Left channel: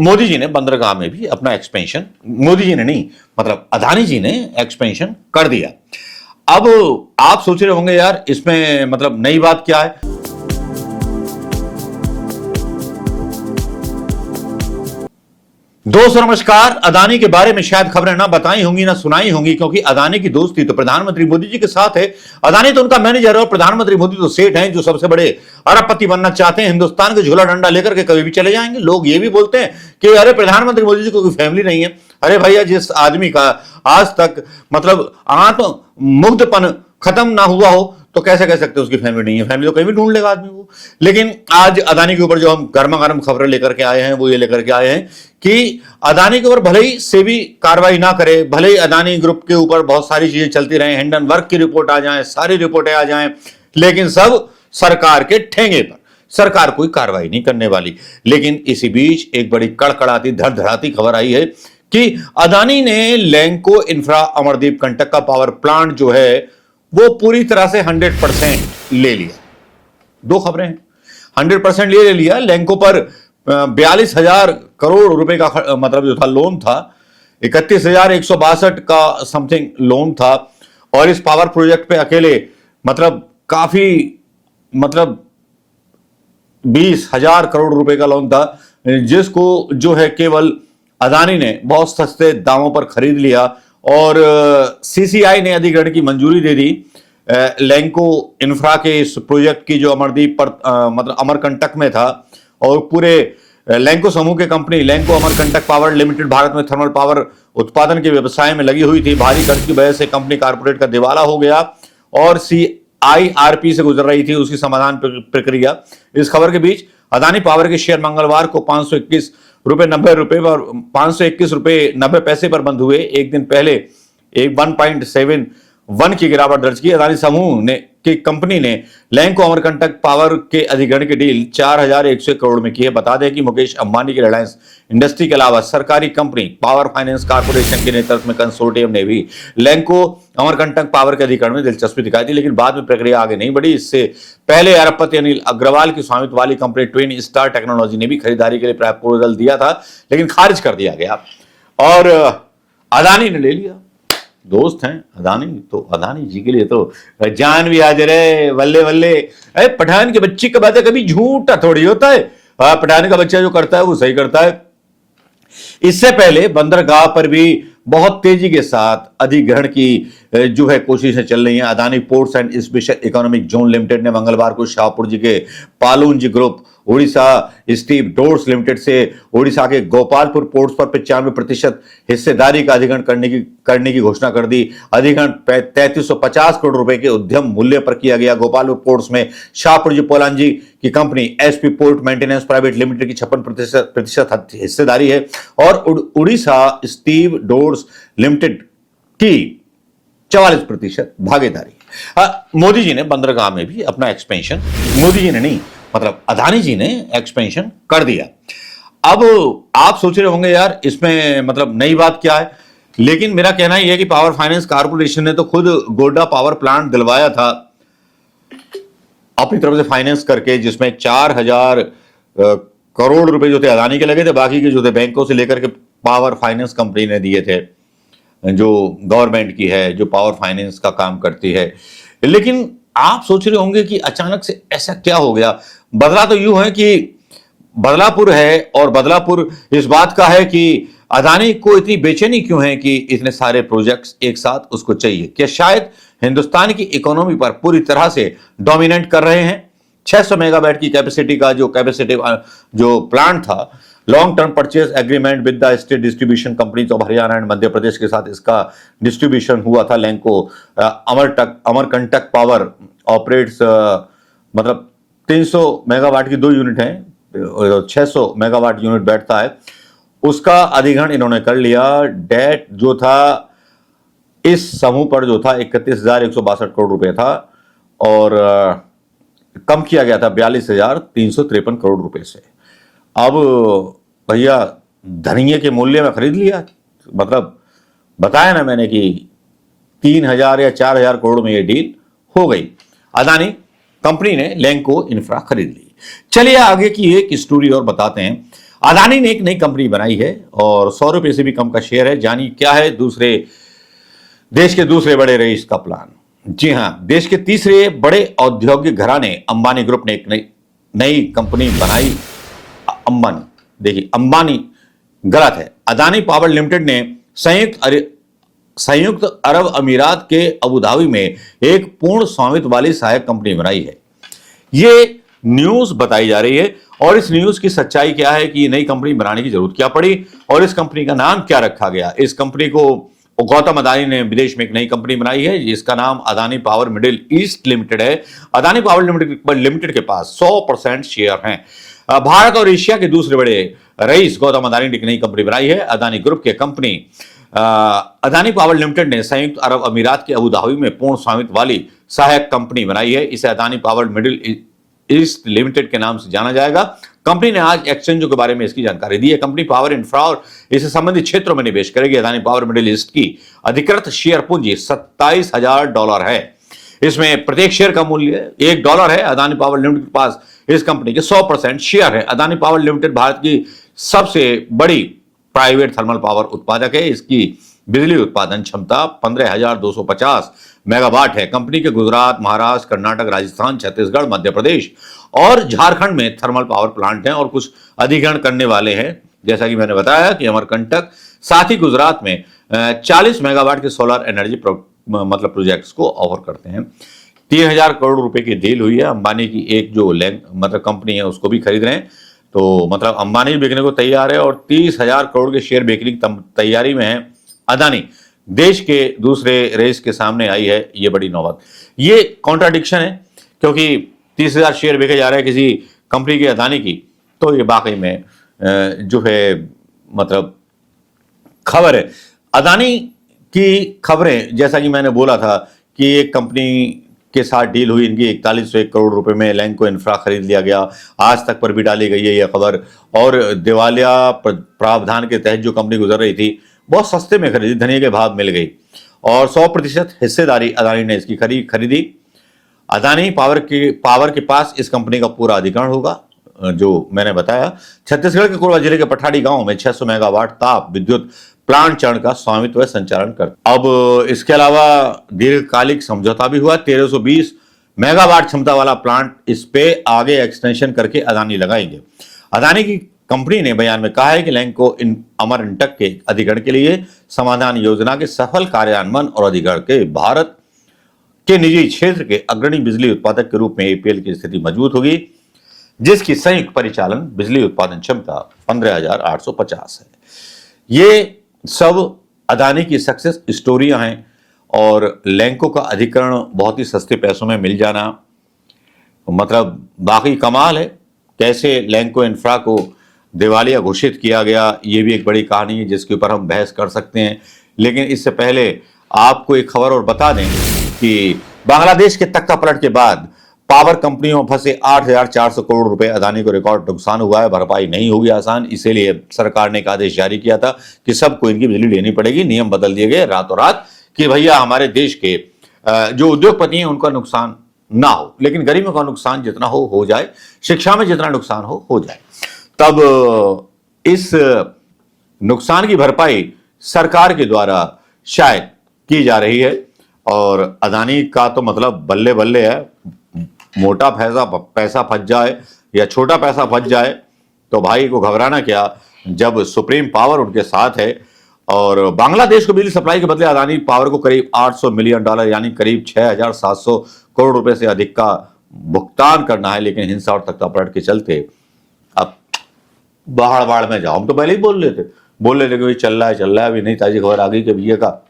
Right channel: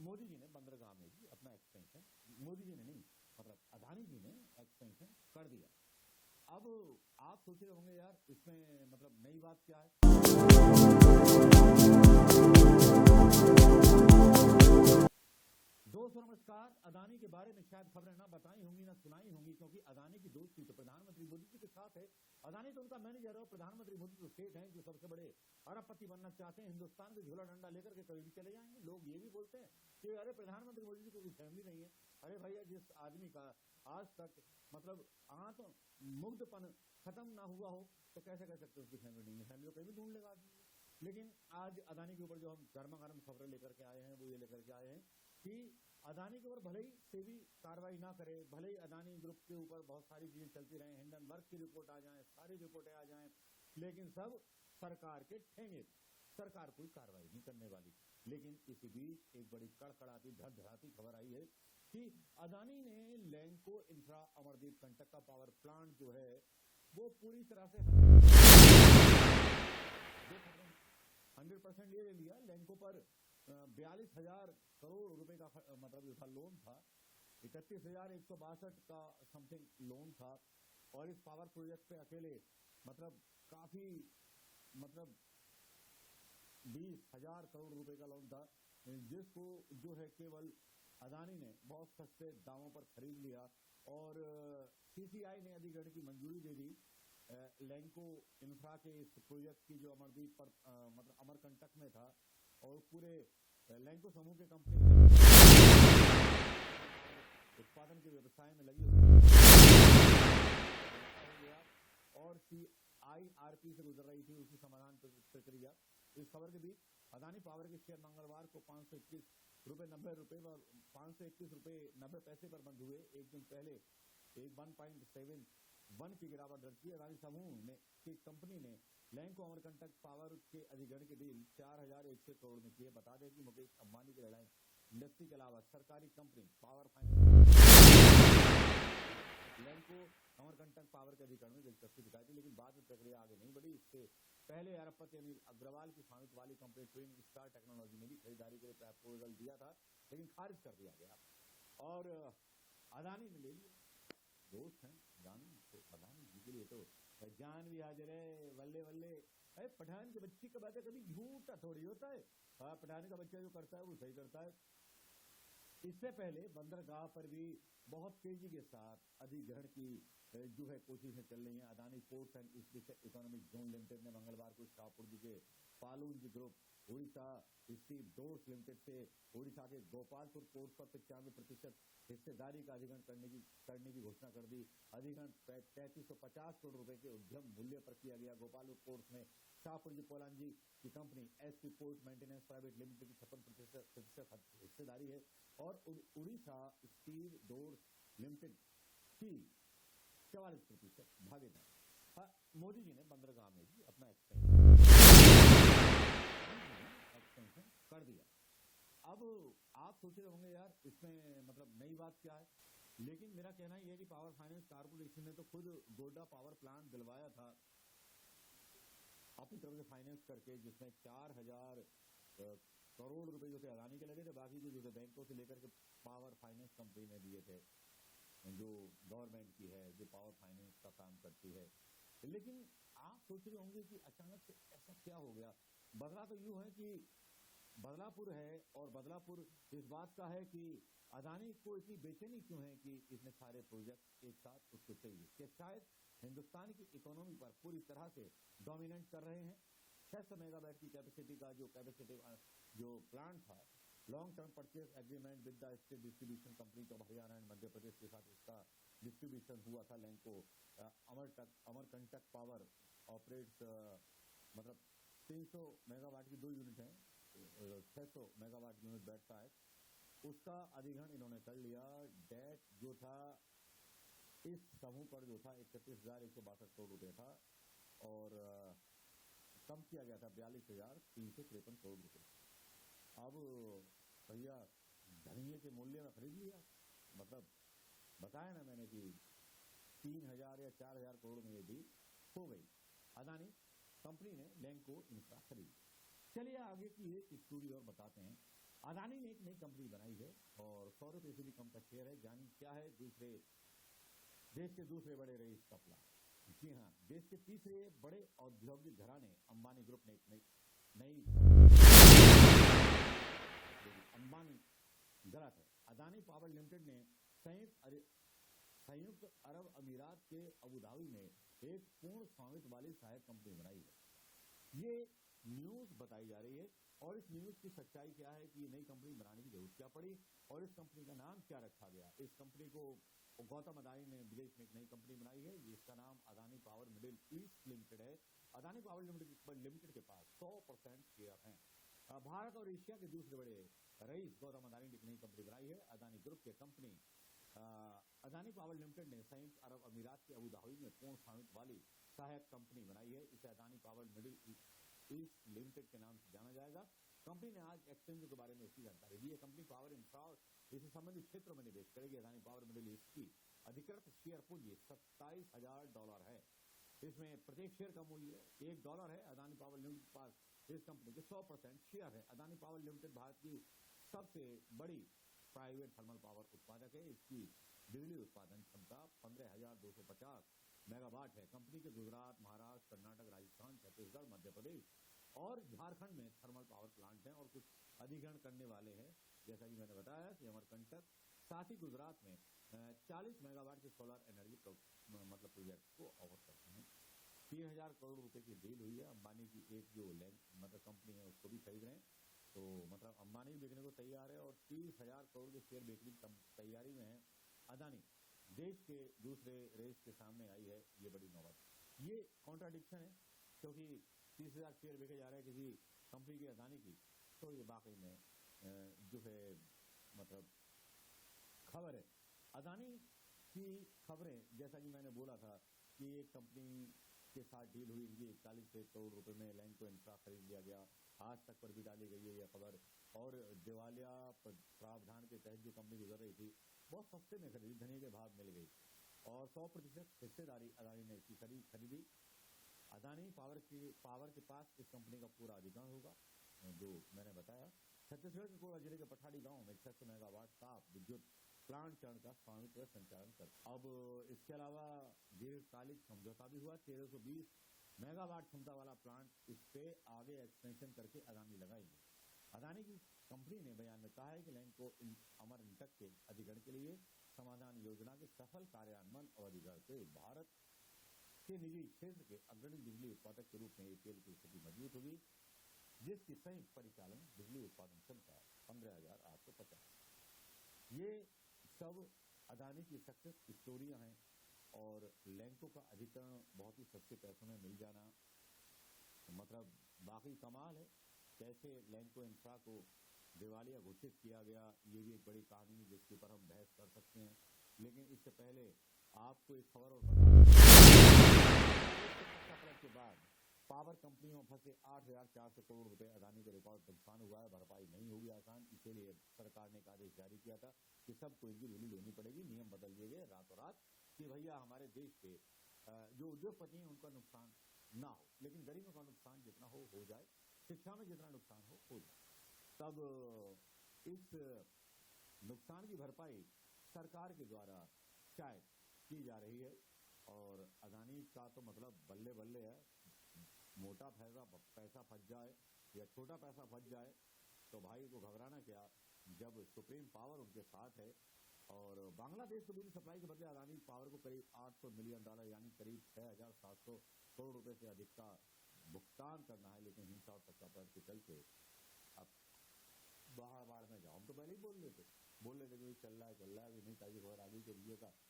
मोदी जी ने बंदरगाह में भी अपना एक्सपेंशन, मोदी जी ने नहीं, मतलब अदानी जी ने एक्सपेंशन कर दिया। अब आप सोच रहे होंगे यार इसमें मतलब नई बात क्या है। दोस्तों नमस्कार। अदानी के बारे में शायद खबरें ना बताई होंगी ना सुनाई होंगी, क्योंकि अदानी की दोस्ती तो प्रधानमंत्री मोदी जी के साथ है। अदानी तो उनका मैनेजर है और प्रधानमंत्री मोदी तो सेठ हैं, जो सबसे बड़े अरबपति बनना चाहते हैं। हिंदुस्तान के झोला डंडा लेकर के कभी भी चले जाएंगे। लोग ये भी बोलते हैं कि अरे प्रधानमंत्री मोदी जी को कोई फैमिली नहीं है। अरे भैया, जिस आदमी का आज तक मतलब आत्म मुग्धपन खत्म ना हुआ हो तो कैसे कह सकते हैं उसकी फैमिली नहीं है। फैमिली तो कहीं भी ढूंढ लेगा आदमी को। लेकिन आज अदानी के ऊपर जो हम गर्मा गर्म खबरें लेकर के आए हैं वो ये लेकर के आए हैं कि अदानी के ऊपर भले ही सेबी कार्रवाई ना करे, भले ही अदानी ग्रुप के ऊपर बहुत सारी चीजें चलती रहे, हिंडनबर्ग की रिपोर्ट आ जाए, सारी रिपोर्टें आ जाएं, लेकिन सब सरकार के ठेंगे पर। सरकार कोई कार्रवाई नहीं करने वाली। लेकिन इसी बीच एक बड़ी कड़कड़ाती धड़धड़ाती खबर आई है कि अदानी ने लैंको इंफ्रा अमरदीप कंटक का पावर प्लांट जो है वो पूरी तरह से 100% ले लिया। दो खबरें हैं। 100% ले लिया। लैंको पर 42,000 करोड़ रुपए का मतलब जो था लोन था, 31,162 का समथिंग लोन था। और इस पावर प्रोजेक्ट पे अकेले मतलब काफी मतलब 20,000 करोड़ रुपए का लोन था, जिसको जो है केवल अदानी ने बहुत सस्ते दामों पर खरीद लिया। और सीसीआई ने अधिग्रहण की मंजूरी दे दी लैंको इंफ्रा के इस प्रोजेक्ट की, जो अमरदीप पर मतलब अमरकंटक में था। और पूरे लैंको समूह के company Lanco Amarkantak power limited Bharat में थर्मल पावर उत्पादन के व्यवसाय में लगी हुई थी। भारी कर्ज की वजह से कंपनी कॉर्पोरेट का दिवाला हो गया और CIRP से गुजर रही थी उसकी समाधान प्रक्रिया। इस खबर के बीच अदानी पावर के शेयर मंगलवार को 521 रुपए 90 रुपए पर 521 रुपए 90 पैसे पर बंद हुए। एक दिन पहले एक 1.71 की गिरावट दर्ज की। अदानी समूह ने की कंपनी ने लैंको अमरकंटक पावर के अधिग्रहण की डील 4,100 करोड़ में की है। बता दें कि मुकेश अंबानी की रिलायंस इंडस्ट्री के अलावा सरकारी कंपनी पावर फाइनेंस कॉर्पोरेशन के नेतृत्व में कंसोर्टियम ने भी लैंको अमरकंटक पावर के अधिग्रहण में दिलचस्पी दिखाई थी, लेकिन बाद में प्रक्रिया आगे नहीं बढ़ी। इससे पहले अरबपति अनिल अग्रवाल की स्वामित्व वाली कंपनी ट्विन स्टार टेक्नोलॉजी ने भी खरीदारी के लिए प्रपोजल दिया था, लेकिन खारिज कर दिया गया और अदानी ने ले लिया। दोस्त हैं अदानी, तो अदानी जी के लिए तो जान भी हाजिर है। बल्ले बल्ले। अरे पठान के बच्चे का बात है, कभी झूठा थोड़ी होता है। पठान का बच्चा जो करता है वो सही करता है। इससे पहले बंदरगाह पर भी बहुत तेजी के साथ अधिग्रहण की जो है कोशिशें चल रही हैं। Adani ports and special economic zone limited ने मंगलवार को शाहपुर जी के Pallonji group Odisha stevedores limited से ओडिशा के गोपालपुर पोर्ट्स पर 95% हिस्सेदारी का अधिग्रहण करने की घोषणा कर दी। अधिग्रहण 3350 करोड़ रुपए के उद्यम मूल्य पर किया गया। गोपालपुर पोर्ट्स में शाहपुर जी पोलांजी की company SP port maintenance private limited की 56% हिस्सेदारी है और उड़ीसा स्टीव डोर्स लिमिटेड की 44% भागीदारी। मोदी जी ने बंदरगाह में भी अपना एक्सपेंशन, मोदी जी ने नहीं, मतलब अदानी जी ने एक्सपेंशन कर दिया। अब आप सोच रहे होंगे यार इसमें मतलब नई बात क्या है, लेकिन मेरा कहना यह है कि पावर फाइनेंस कॉर्पोरेशन ने तो खुद गोड्डा पावर प्लांट दिलवाया था अपनी तरफ से फाइनेंस करके, जिसमें 4,000 करोड़ रुपए जो थे अदानी के लगे थे, बाकी के जो थे बैंकों से लेकर के पावर फाइनेंस कंपनी ने दिए थे, जो गवर्नमेंट की है, जो पावर फाइनेंस का काम करती है। लेकिन आप सोच रहे होंगे कि अचानक से ऐसा क्या हो गया। बदला तो यूं है कि बदलापुर है और बदलापुर इस बात का है कि अदानी को इतनी बेचैनी क्यों है कि इतने सारे प्रोजेक्ट्स एक साथ उसको चाहिए। क्या शायद हिंदुस्तान की इकोनॉमी पर पूरी तरह से डोमिनेट कर रहे हैं। 600 मेगावाट की कैपेसिटी का जो प्लांट था, long term purchase agreement with the state distribution companies of Haryana and Madhya Pradesh के साथ इसका डिस्ट्रीब्यूशन हुआ था। लैंको अमरकंटक पावर ऑपरेट्स मतलब 300 मेगावाट की 2 यूनिट है, 600 मेगावाट यूनिट बैठता है, उसका अधिग्रहण इन्होंने कर लिया। डेट जो था इस समूह पर जो था 31,162 करोड़ रुपए था और कम किया गया था 42,353 करोड़ रुपए से। अब भैया धनिये के मूल्य में खरीद लिया, मतलब बताया ना मैंने कि 3,000 या 4,000 करोड़ में ये डील हो गई। अदानी कंपनी ने लैंको इंफ्रा खरीद ली। चलिए आगे की एक स्टोरी और बताते हैं। अदानी ने एक नई कंपनी बनाई है और 100 रुपए से भी कम का शेयर है। जानिए क्या है देश के दूसरे बड़े रईस का प्लान। जी हां, देश के तीसरे बड़े औद्योगिक घराने अंबानी ग्रुप ने एक नई कंपनी बनाई। अंबानी, देखिए अंबानी गलत है। अदानी पावर लिमिटेड ने संयुक्त अरब अमीरात के अबू धाबी में एक पूर्ण स्वामित्व वाली सहायक कंपनी बनाई है। ये न्यूज बताई जा रही है और इस न्यूज की सच्चाई क्या है कि ये नई कंपनी बनाने की जरूरत क्या पड़ी और इस कंपनी का नाम क्या रखा गया। इस कंपनी को गौतम अदानी ने विदेश में एक नई कंपनी बनाई है जिसका नाम Adani power middle east limited है। अदानी पावर लिमिटेड के पास 100% शेयर हैं। भारत और एशिया के दूसरे बड़े रईस गौतम अदानी ने एक नई कंपनी बनाई है। अदानी ग्रुप की कंपनी अदानी पावर लिमिटेड ने संयुक्त अरब अमीरात के अबू धाबी में पूर्ण स्वामित्व वाली सहायक कंपनी बनाई है। इसे Adani power middle east limited के नाम से जाना जाएगा। कंपनी ने आज एक्सचेंजों के बारे में इसकी जानकारी दी है। कंपनी पावर इंफ्रा और इससे संबंधित क्षेत्रों में निवेश करेगी। अदानी पावर मिडिल ईस्ट की अधिकृत शेयर पूंजी $27,000 है। इसमें प्रत्येक शेयर का मूल्य $1 है। अदानी पावर लिमिटेड के पास इस कंपनी के 100% शेयर है। अदानी पावर लिमिटेड भारत की सबसे बड़ी प्राइवेट थर्मल पावर उत्पादक है। इसकी बिजली उत्पादन क्षमता 15,250 मेगावाट है। कंपनी के गुजरात, महाराष्ट्र, कर्नाटक, राजस्थान, छत्तीसगढ़, मध्य प्रदेश और झारखंड में थर्मल पावर प्लांट हैं और कुछ अधिग्रहण करने वाले हैं। जैसा कि मैंने बताया कि अमरकंटक, साथ ही गुजरात में 40 मेगावाट के सोलर एनर्जी प्रोजेक्ट्स को ऑफर करते हैं। 3,000 करोड़ रुपए की डील हुई है। अंबानी की एक जो कंपनी है उसको भी खरीद रहे हैं। तो मतलब अंबानी बिकने को तैयार है और 30,000 करोड़ के शेयर बेचने की तैयारी में है। अदानी देश के दूसरे रेस के सामने आई है ये बड़ी नौबत। ये कॉन्ट्राडिक्शन है क्योंकि 30,000 शेयर बेचे जा रहे हैं किसी कंपनी की, अदानी की, तो ये वाकई में जो है मतलब खबर है। अदानी की खबरें, जैसा कि मैंने बोला था कि एक कंपनी के साथ डील हुई इनकी 4101 करोड़ रुपए में लैंको इंफ्रा खरीद लिया गया। आज तक पर भी डाली गई है यह खबर। और दिवालिया प्रावधान के तहत जो कंपनी गुजर रही थी बहुत सस्ते में खरीदी, धनिया के भाव मिल गई और 100% हिस्सेदारी अदानी ने इसकी खरीदी। अदानी पावर के पास इस कंपनी का पूरा अधिग्रहण होगा। जो मैंने बताया, छत्तीसगढ़ के कोरबा जिले के पठाड़ी गांव में 600 मेगावाट ताप विद्युत प्लांट चरण का स्वामित्व संचालन करता। अब इसके अलावा दीर्घकालिक समझौता भी हुआ। 1320 मेगावाट क्षमता वाला प्लांट इस पे आगे एक्सटेंशन करके अदानी लगाएंगे। अदानी की कंपनी ने बयान में कहा है कि लैंको अमरकंटक के अधिग्रहण के लिए समाधान योजना के सफल कार्यान्वयन और अधिग्रहण के भारत के निजी क्षेत्र के अग्रणी बिजली उत्पादक के रूप में एपीएल की स्थिति मजबूत होगी, जिसकी संयुक्त परिचालन बिजली उत्पादन क्षमता 15,850 है। ये सब अदानी की सक्सेस स्टोरियां हैं और लैंको का अधिग्रहण बहुत ही सस्ते पैसों में मिल जाना मतलब बाकी कमाल है। कैसे लैंको इंफ्रा को दिवालिया घोषित किया गया, ये भी एक बड़ी कहानी है जिसके ऊपर हम बहस कर सकते हैं। लेकिन इससे पहले आपको एक खबर और बता दें कि बांग्लादेश के तख्ता पलट के बाद पावर कंपनियों में फंसे 8,400 करोड़ रुपए अदानी को रिकॉर्ड नुकसान हुआ है। भरपाई नहीं होगी आसान, इसीलिए सरकार ने एक आदेश जारी किया था कि सबको इनकी बिजली लेनी पड़ेगी। नियम बदल दिए गए रातों रात कि भैया हमारे देश के जो उद्योगपति हैं उनका नुकसान ना हो, लेकिन गरीबों का नुकसान जितना हो जाए, शिक्षा में जितना नुकसान हो जाए। तब इस नुकसान की भरपाई सरकार के द्वारा शायद की जा रही है और अदानी का तो मतलब बल्ले बल्ले है। मोटा पैसा फंस जाए या छोटा पैसा फंस जाए तो भाई को घबराना क्या, जब सुप्रीम पावर उनके साथ है। और बांग्लादेश को बिजली सप्लाई के बदले अदानी पावर को करीब $800 मिलियन यानी करीब 6,700 करोड़ रुपए से अधिक का भुगतान करना है। लेकिन हिंसा और तख्तापलट के चलते अब बाढ़ में जाओ। हम तो पहले ही बोल रहे थे कि चल रहा है, अभी नहीं ताजी खबर आ गई कि भैया का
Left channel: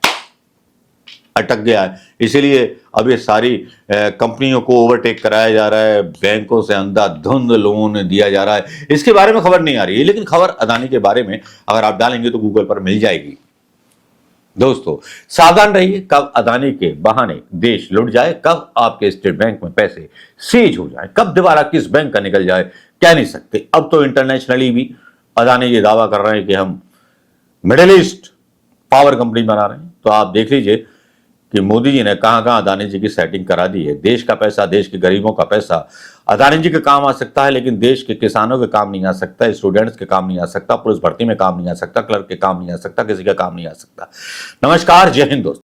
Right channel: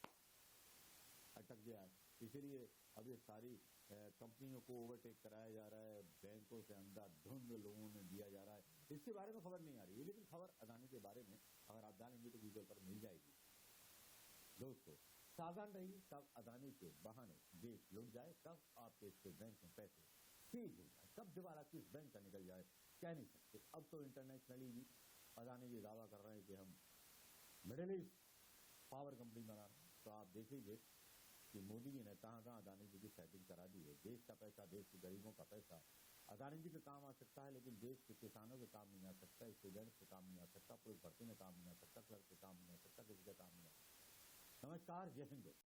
अटक गया है। इसीलिए अब ये सारी कंपनियों को ओवरटेक कराया जा रहा है, बैंकों से अंधाधुंध लोन दिया जा रहा है। इसके बारे में खबर नहीं आ रही है, लेकिन खबर अदानी के बारे में अगर आप डालेंगे तो गूगल पर मिल जाएगी। दोस्तों सावधान रहिए, कब अदानी के बहाने देश लुट जाए, कब आपके स्टेट बैंक में पैसे सीज हो जाए, कब दोबारा किस बैंक का निकल जाए, कह नहीं सकते। अब तो इंटरनेशनली भी अदानी ये दावा कर रहे हैं कि हम मिडिल ईस्ट पावर कंपनी बना रहे हैं। तो आप देख लीजिए कि मोदी जी ने कहां कहां अदानी जी की सेटिंग करा दी है। देश का पैसा, देश के गरीबों का पैसा अदानी जी के काम आ सकता है, लेकिन देश के किसानों के काम नहीं आ सकता, स्टूडेंट्स के काम नहीं आ सकता, पुलिस भर्ती में काम नहीं आ सकता, क्लर्क के काम नहीं आ सकता, किसी का काम नहीं आ सकता। नमस्कार, जय हिंद दोस्तों।